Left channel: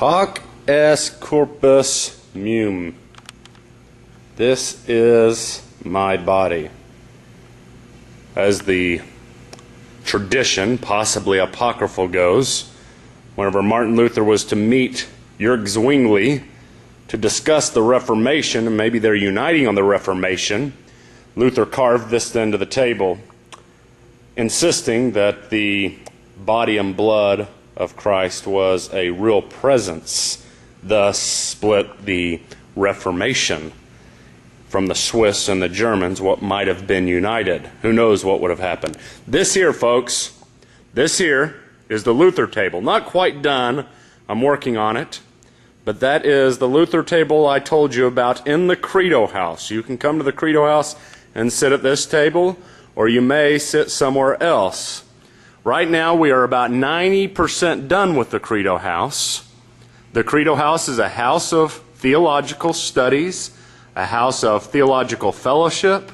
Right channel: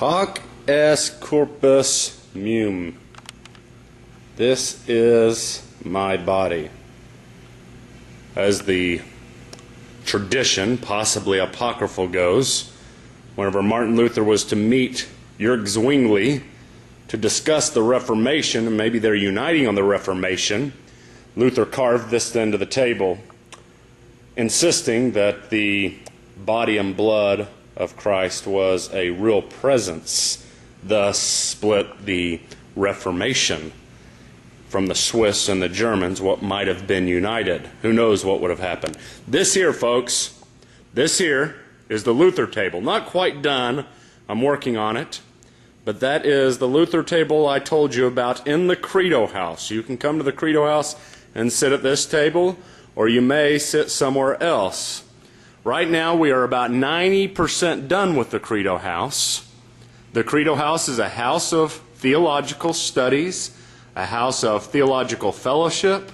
Hoc est corpus meum. This is my body. As the tradition, possibly apocryphal, goes, whenever Martin Luther was to meet Jörg Zwingli to discuss the Reformation, and maybe they're uniting on the Reformation, Luther carved this into the table, insisting that the body and blood of Christ was a real presence, thus split the Reformation from the Swiss and the Germans, what might have been united. Who knows what would have happened. This here, folks, this here is the Luther table. Not quite done. I'm working on it. But that is the Luther table I told you about in the Credo house. You can come to the Credo house and sit at this table, or you may sit somewhere else. Right now we are about 90% done with the Credo house. The Credo house is a house of theological studies, a house of theological fellowship,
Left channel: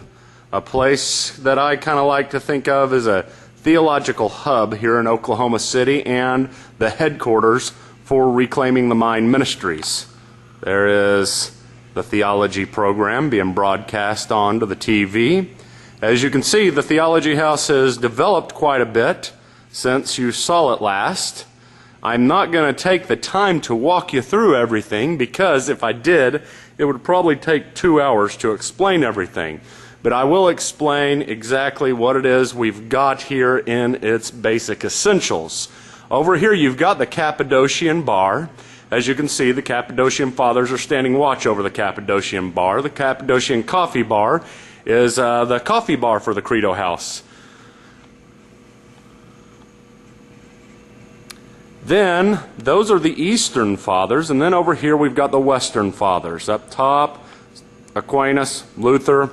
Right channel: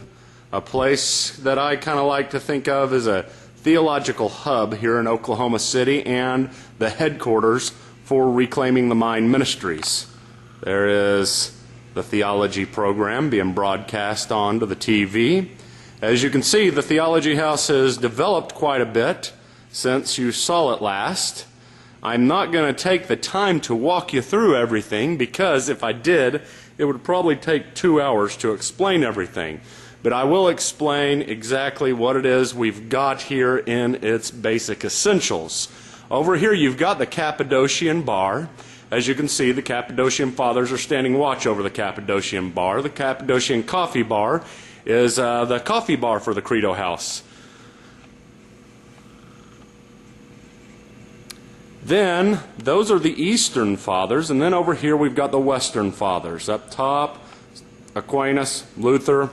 a place that I kind of like to think of as a theological hub here in Oklahoma City and the headquarters for Reclaiming the Mind Ministries. There is the Theology program being broadcast onto the TV. As you can see, the Theology house has developed quite a bit since you saw it last. I'm not going to take the time to walk you through everything, because if I did, it would probably take 2 hours to explain everything. But I will explain exactly what it is we've got here in its basic essentials. Over here you've got the Cappadocian bar. As you can see, the Cappadocian Fathers are standing watch over the Cappadocian bar. The Cappadocian coffee bar is the coffee bar for the Credo house. Then, those are the Eastern Fathers, and then over here we've got the Western Fathers. Up top, Aquinas, Luther,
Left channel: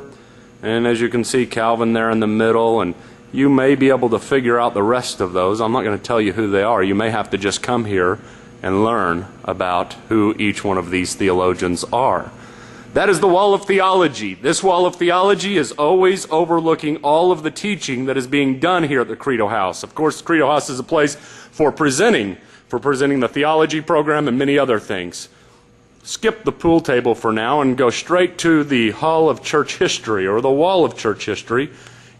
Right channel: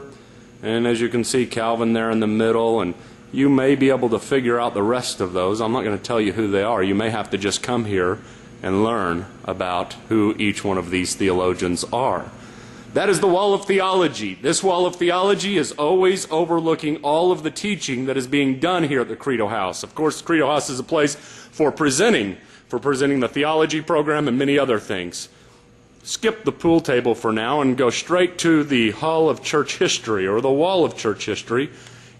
and as you can see, Calvin there in the middle, and you may be able to figure out the rest of those. I'm not going to tell you who they are. You may have to just come here and learn about who each one of these theologians are. That is the wall of theology. This wall of theology is always overlooking all of the teaching that is being done here at the Credo house. Of course, the Credo house is a place for presenting the theology program and many other things. Skip the pool table for now and go straight to the Hall of Church History, or the Wall of Church History.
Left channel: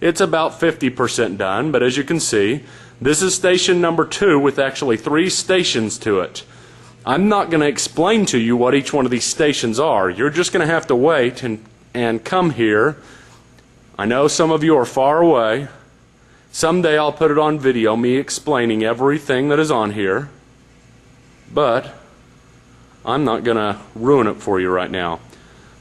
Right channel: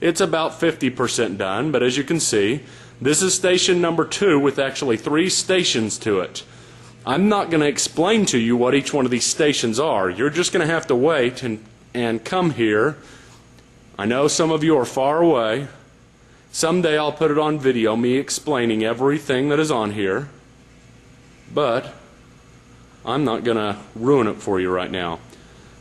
It's about 50% done, but as you can see, this is station number 2 with actually 3 stations to it. I'm not going to explain to you what each one of these stations are. You're just going to have to wait and come here. I know some of you are far away. Someday I'll put it on video, me explaining everything that is on here. But I'm not going to ruin it for you right now.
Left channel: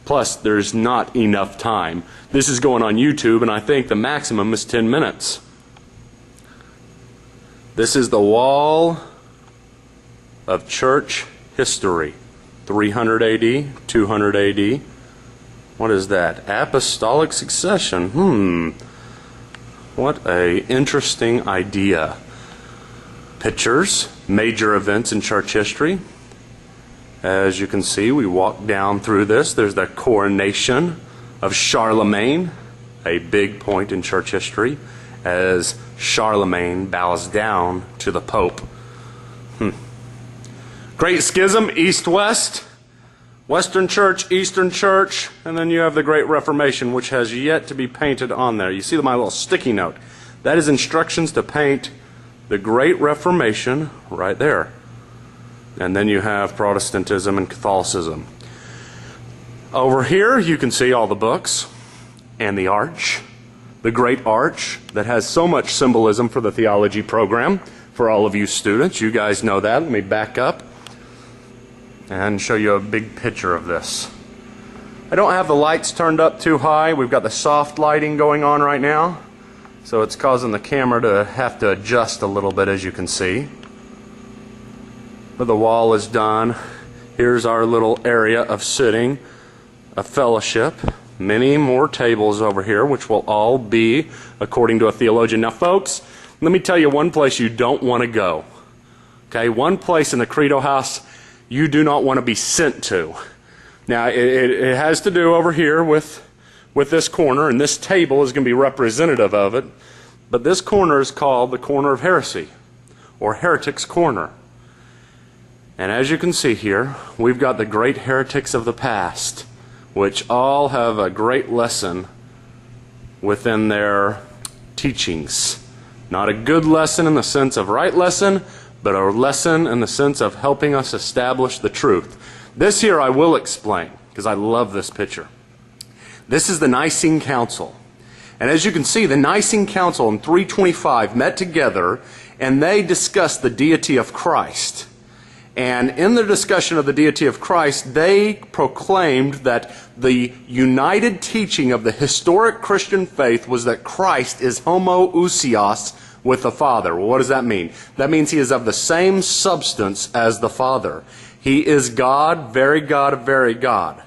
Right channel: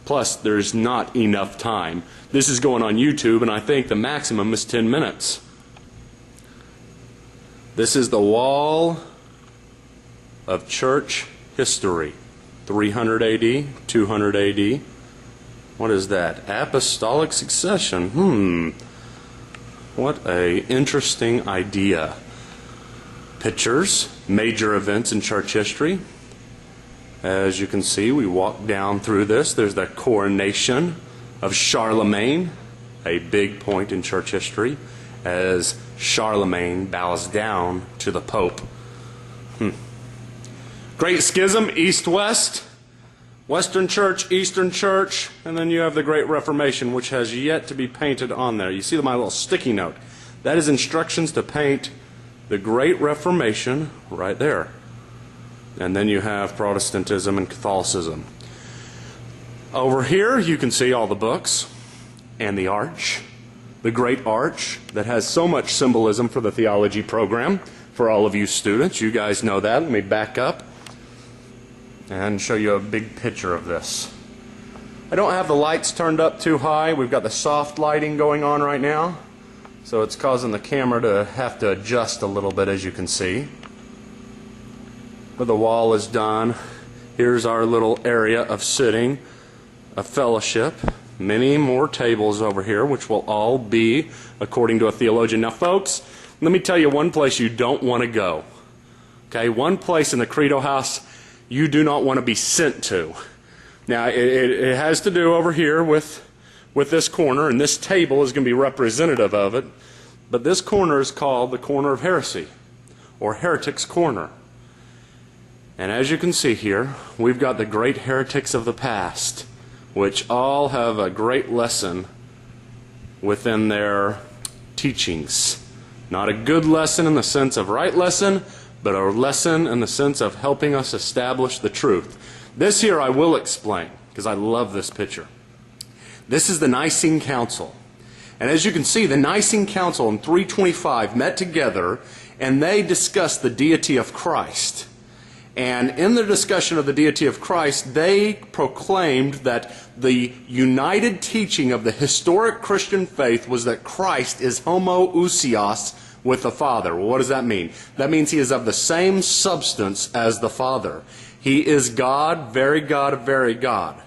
Plus, there's not enough time. This is going on YouTube, and I think the maximum is 10 minutes. This is the Wall of Church History. 300 AD, 200 AD. What is that? Apostolic succession. What a interesting idea. Pictures, major events in church history. As you can see, we walk down through this. There's the coronation of Charlemagne, a big point in church history, as Charlemagne bows down to the Pope. Great Schism, East-West, Western Church, Eastern Church, and then you have the Great Reformation, which has yet to be painted on there. You see my little sticky note. That is instructions to paint the Great Reformation right there. And then you have Protestantism and Catholicism. Over here you can see all the books and the arch, the great arch that has so much symbolism for the theology program for all of you students. You guys know that. Let me back up and show you a big picture of this. I don't have the lights turned up too high. We've got the soft lighting going on right now, so it's causing the camera to have to adjust a little bit, as you can see. But the wall is done. Here's our little area of sitting, a fellowship. Many more tables over here, which will all be according to a theologian. Now, folks, let me tell you one place you don't want to go. Okay, one place in the Credo house you do not want to be sent to. Now, it has to do over here with this corner, and this table is going to be representative of it. But this corner is called the corner of heresy, or heretic's corner. And as you can see here, we've got the great heretics of the past, which all have a great lesson within their teachings. Not a good lesson in the sense of right lesson, but a lesson in the sense of helping us establish the truth. This here I will explain, because I love this picture. This is the Nicene Council. And as you can see, the Nicene Council in 325 met together and they discussed the deity of Christ. And in their discussion of the deity of Christ, they proclaimed that the united teaching of the historic Christian faith was that Christ is homoousios with the Father. Well, what does that mean? That means he is of the same substance as the Father. He is God, very God, very God.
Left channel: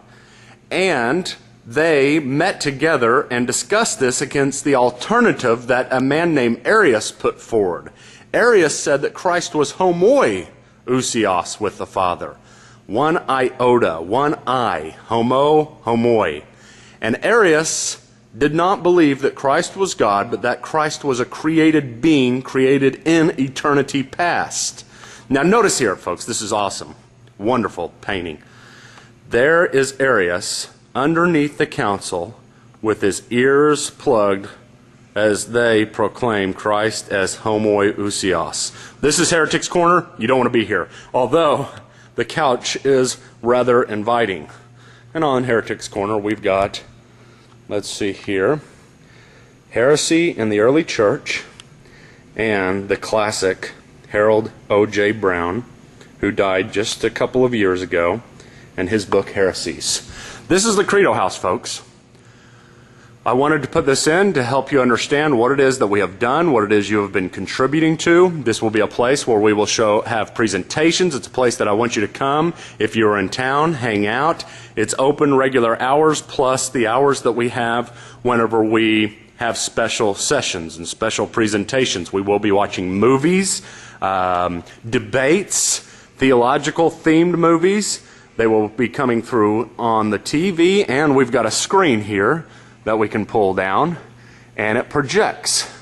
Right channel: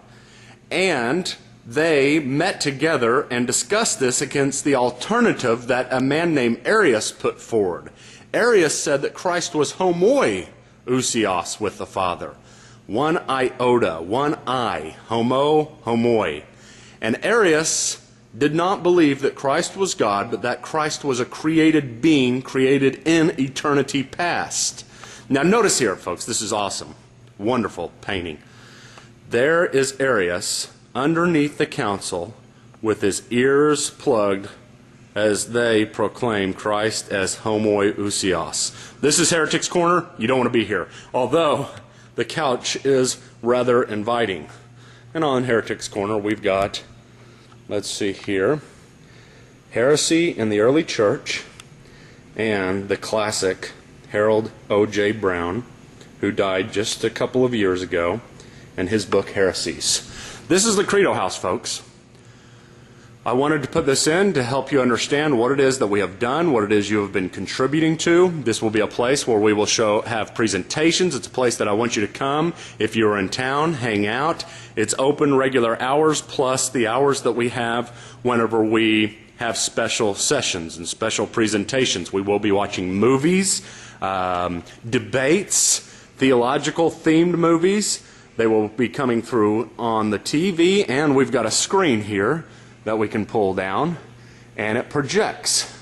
And they met together and discussed this against the alternative that a man named Arius put forward. Arius said that Christ was homoousios with the Father. One iota, one I, homoi. And Arius did not believe that Christ was God, but that Christ was a created being, created in eternity past. Now notice here, folks, this is awesome. Wonderful painting. There is Arius underneath the council with his ears plugged as they proclaim Christ as homoousios. This is Heretics Corner. You don't want to be here. Although the couch is rather inviting. And on Heretics Corner we've got, let's see here, Heresy in the Early Church and the classic Harold O.J. Brown, who died just a couple of years ago, and his book Heresies. This is the Credo house, folks. I wanted to put this in to help you understand what it is that we have done, what it is you have been contributing to. This will be a place where we will have presentations. It's a place that I want you to come. If you're in town, hang out. It's open regular hours plus the hours that we have whenever we have special sessions and special presentations. We will be watching movies, debates, theological themed movies. They will be coming through on the TV, and we've got a screen here that we can pull down, and it projects,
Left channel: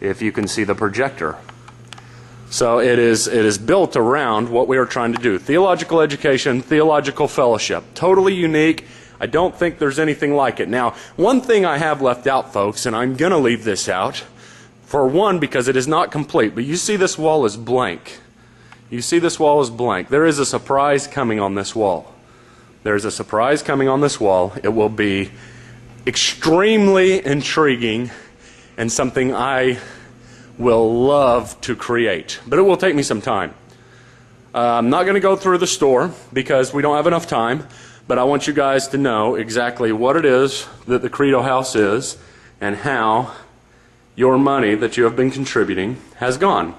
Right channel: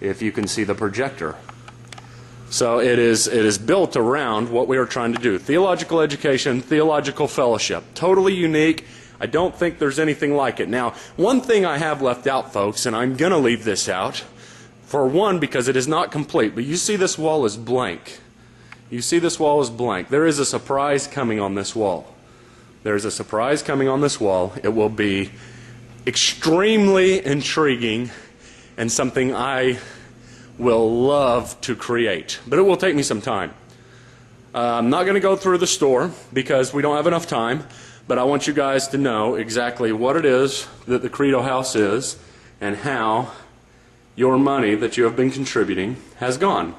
if you can see the projector. So it is built around what we are trying to do. Theological education, theological fellowship. Totally unique. I don't think there's anything like it. Now, one thing I have left out, folks, and I'm going to leave this out, for one, because it is not complete, but you see this wall is blank. You see this wall is blank. There is a surprise coming on this wall. There is a surprise coming on this wall. It will be extremely intriguing and something I will love to create. But it will take me some time. I'm not going to go through the store because we don't have enough time, but I want you guys to know exactly what it is that the Credo House is and how your money that you have been contributing has gone.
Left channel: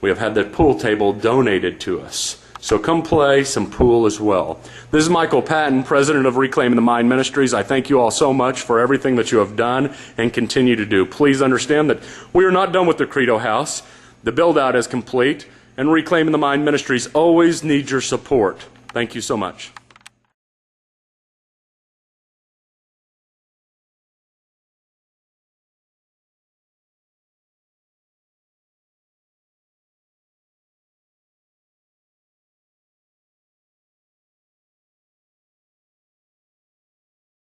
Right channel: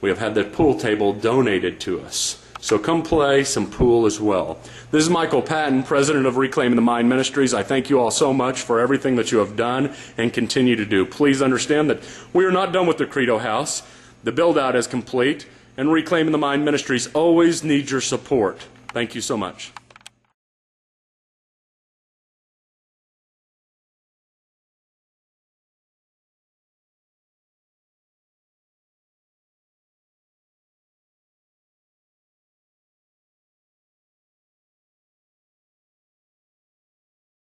We have had the pool table donated to us. So come play some pool as well. This is Michael Patton, president of Reclaiming the Mind Ministries. I thank you all so much for everything that you have done and continue to do. Please understand that we are not done with the Credo House. The build-out is complete, and Reclaiming the Mind Ministries always needs your support. Thank you so much.